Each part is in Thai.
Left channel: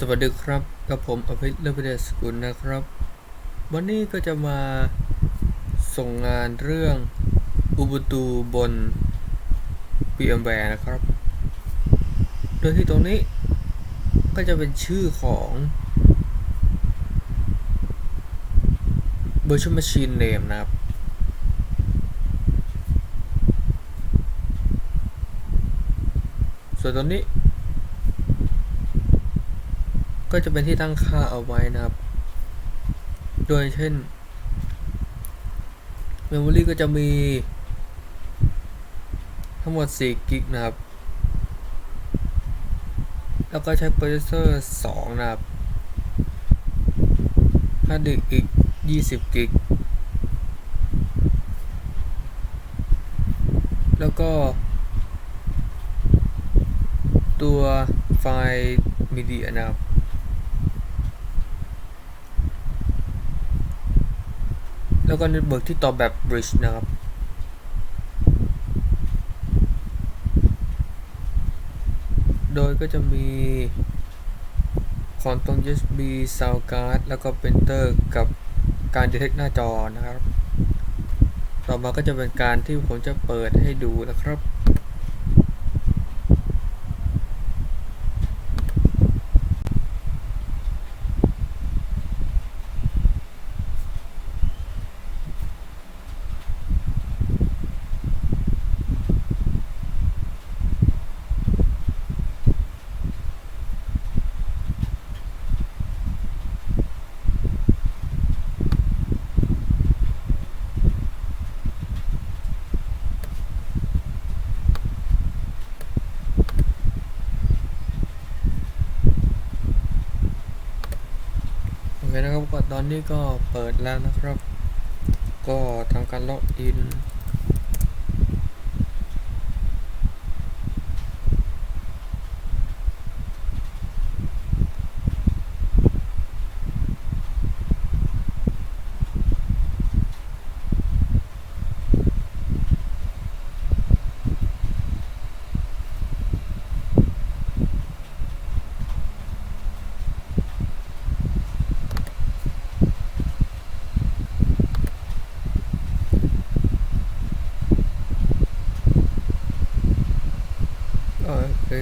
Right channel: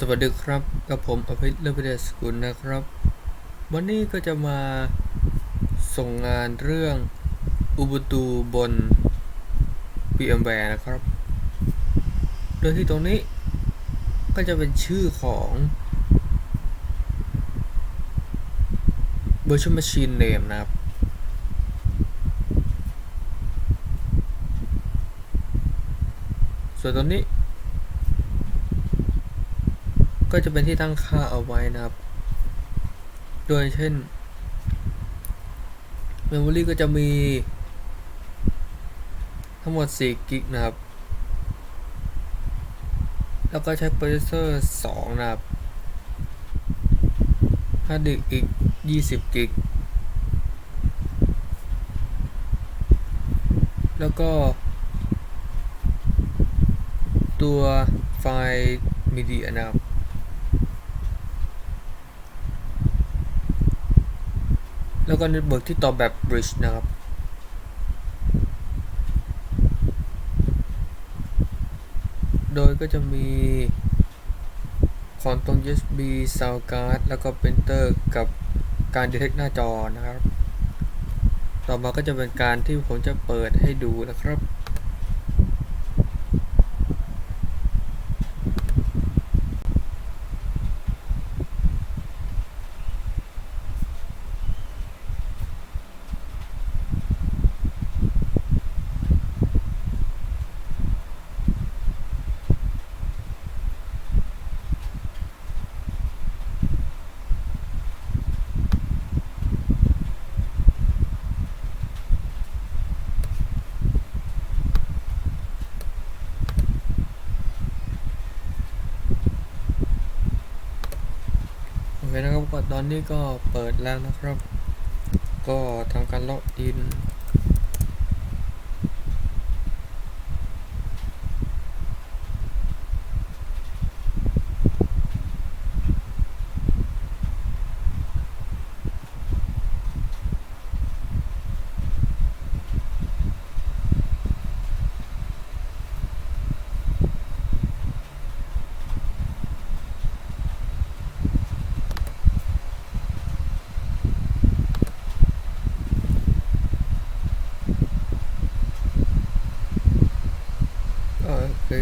สวัสดีครับ กับผมอภิษเลเวเดสกุลนะครับ วันนี้ก็จะมาส่งงานเรื่อง Ubuntu บน VMware นะครับ โดยที่ตรงนี้ก็จะเป็นชื่อของ Virtual Machine Name นะครับ ส่วนตรงนี้ ก็จะเป็นที่ตั้งค่าเอาไว้นะครับ โดยเช่น Memory ก็จะมี ทั้งหมด4กิกนะครับ แล้วก็ใช้ processor 2 นะครับฮาร์ดดิสก์อีก 20 กิก แล้วก็ ตัวไฟล์มีเดียนะครับ แล้วก็เน็ตเวิร์กที่ต่อแบบ bridge นะครับ โดยก็จะมีขอนตรง USB sound card แล้วก็ printer กับการ detect หน้าจอนะครับ ต่อมาก็จะเป็นการที่ผมจะเปิดให้ดูนะครับ นะครับก็ตอนนี้ก็เปิดแล้วนะครับ ก็ทำการล็อกอิน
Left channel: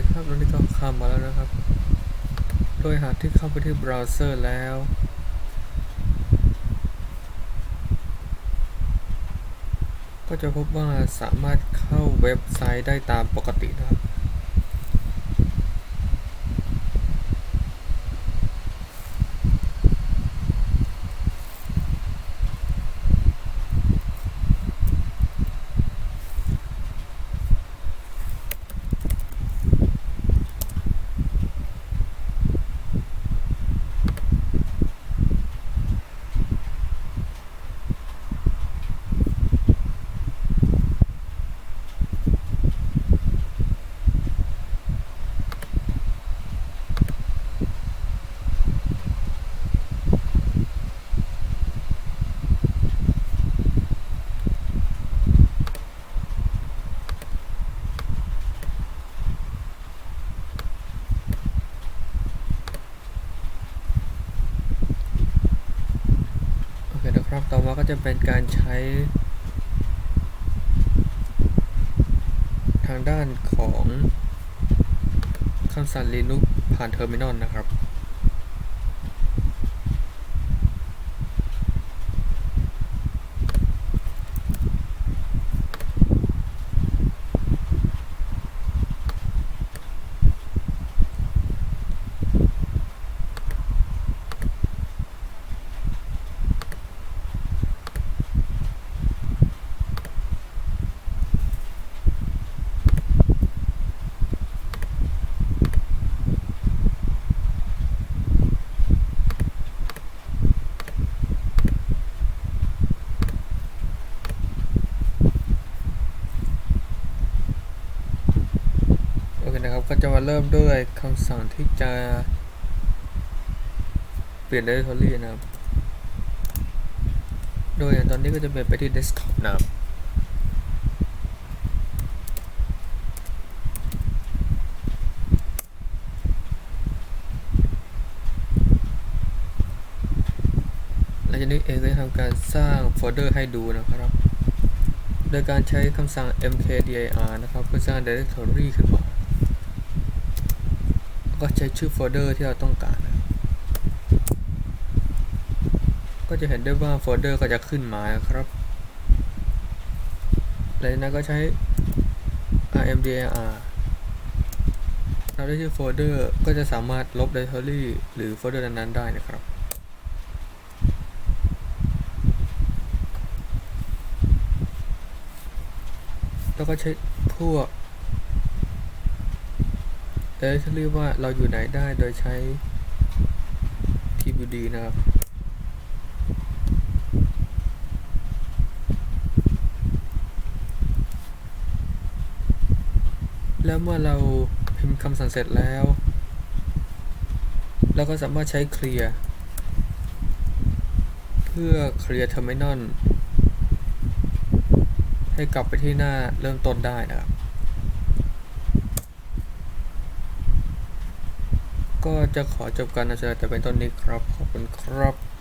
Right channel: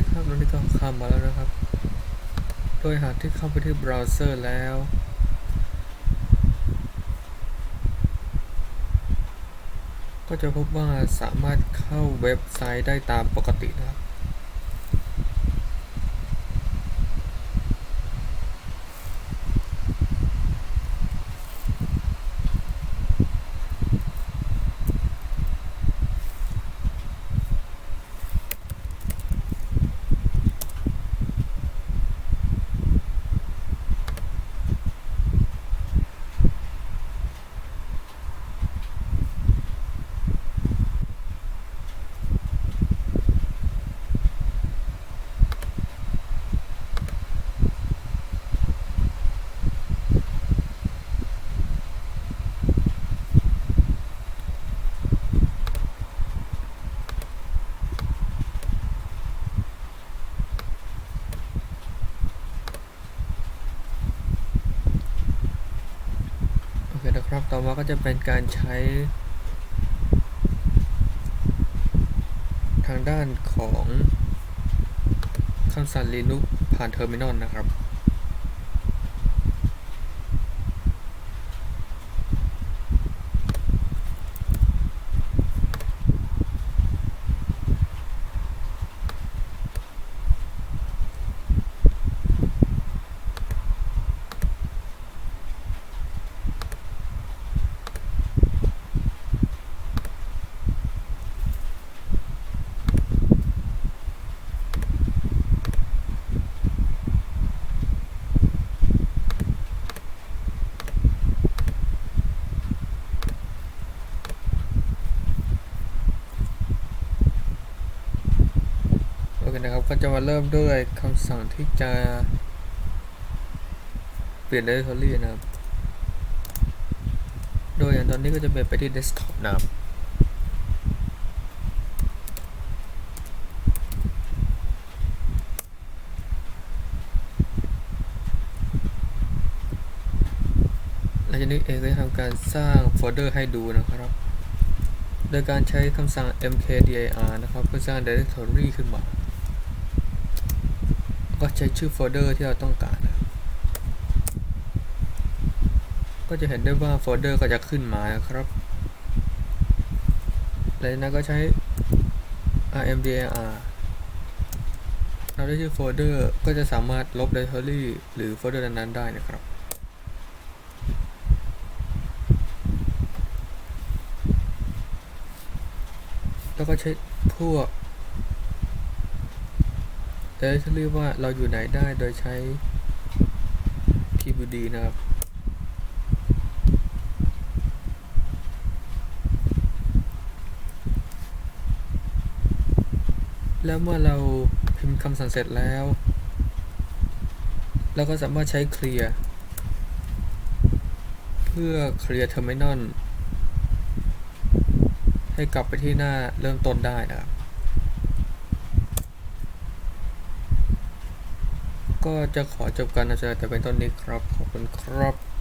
คครับตอนนี้ก็เข้ามาแล้วนะครับ โดยหากที่เข้าไปที่เบราว์เซอร์แล้ว ก็จะพบว่าสามารถเข้าเว็บไซต์ได้ตามปกตินะครับ ครับต่อมาก็จะเป็นการใช้ ทางด้านของคำสั่ง Linux ผ่านเทอร์มินอลนะครับ นะครับ ก็จะมาเริ่มด้วยคำสั่งที่จะ เปลี่ยน directory นะครับ โดยอย่างตอนนี้ก็จะเป็นไปที่ desktop นะครับหลังจากนี้เองจะทำการสร้างโฟลเดอร์ให้ดูนะครับ โดยการใช้คำสั่ง mkdir นะครับ เพื่อสร้าง directory ขึ้นมา ก็ใช้ชื่อโฟลเดอร์ที่เราต้องการนะครับก็จะเห็นได้ว่าโฟลเดอร์ก็จะขึ้นมานะครับหลังจากนั้นก็ใช้ rmdir เราได้ชื่อโฟลเดอร์ก็จะสามารถลบ directory หรือโฟลเดอร์นั้นๆได้นะครับ แล้วก็ใช้พวก directory ว่าเราอยู่ไหนได้โดยใช้ tbd นะครับแล้วเมื่อเราพิมพ์คำสั่งเสร็จแล้ว เราก็สามารถใช้เคลียร์เพื่อเคลียร์ terminal ให้กลับไปที่หน้าเริ่มต้นได้นะครับ ก็จะขอจบการนำเสนอแต่เป็นต้นนี้ครับ ขอบคุณครับ